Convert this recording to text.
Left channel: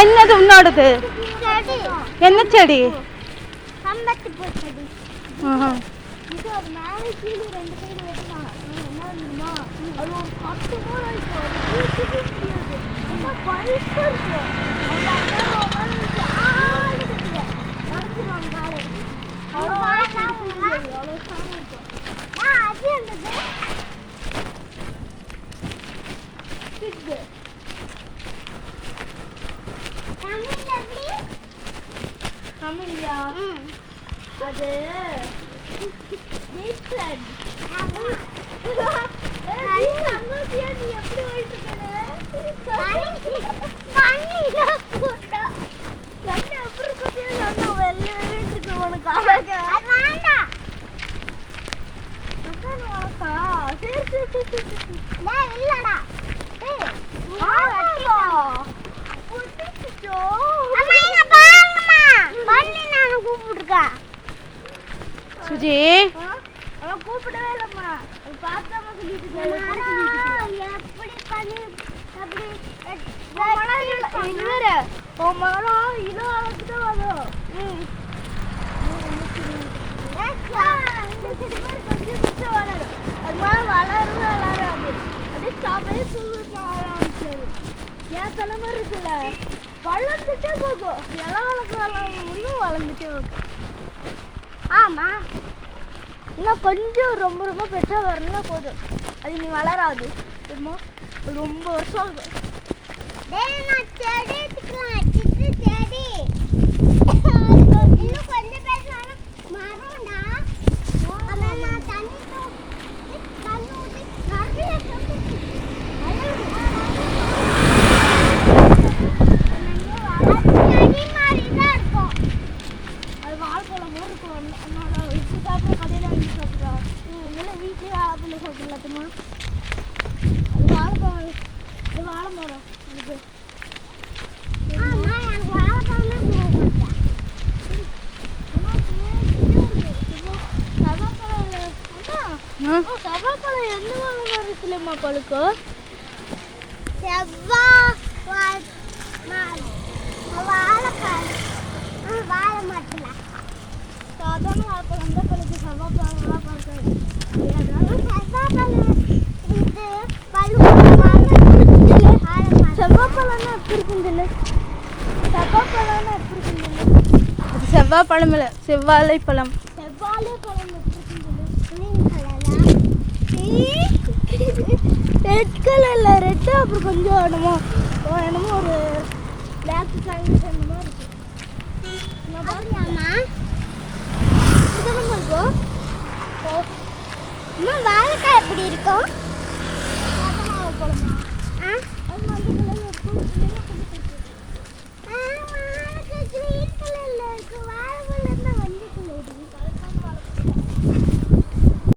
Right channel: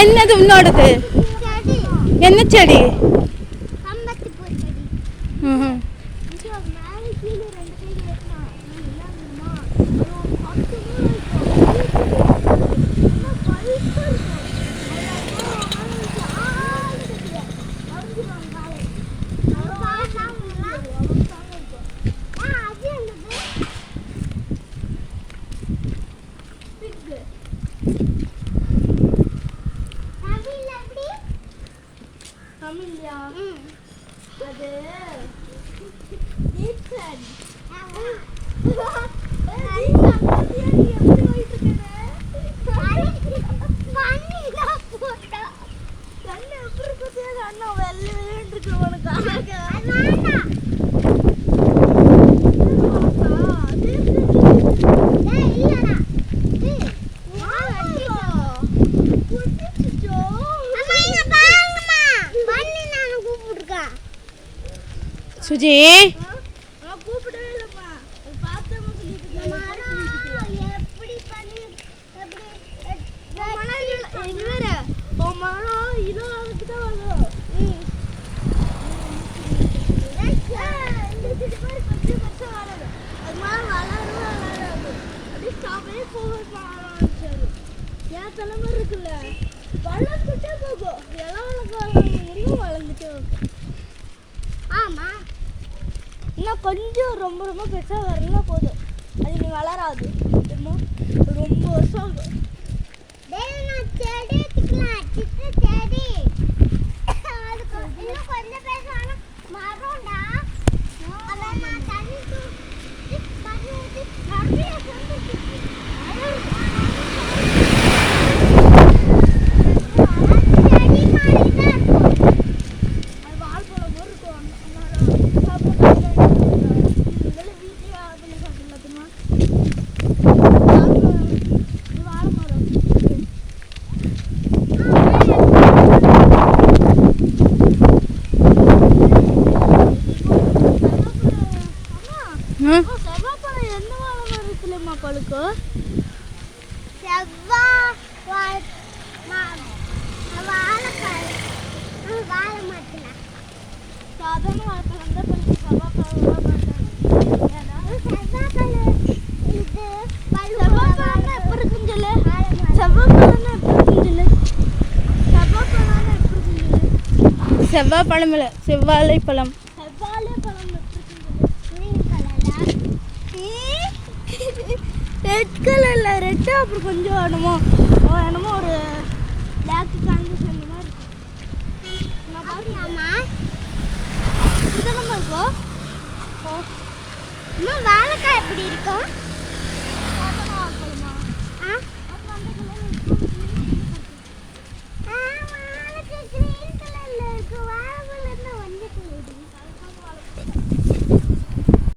என்னது உன்னோடது? என்ன செடி? சுஜி கூப்பிடவே இல்லம்மா. பார்த்தாம சொல்லிட்டு என் தலைமை இருக்குல்ல வளர்ந்துட்டே போகும். எல்லாம் வளர்க்க முடியும், வளர்ந்துட்டே போகும். ஆமா, இன்னும் கொஞ்சம் ரொம்ப ரொம்ப பெருசாக வரலாம் போதும். அது நீ வளராது ரொம்ப வருஷம் ஆகும். செவ்வாய் பழம் இல்லை, செவ்வாழை பழம். ரெட் கலர்ல ரெட், அப்புறம் கொஞ்சம் என்னமோ ஒரு பிளாக் கலர் அந்த மாதிரி இருக்கும். வாழைக்காய் எப்படி இருக்கும்?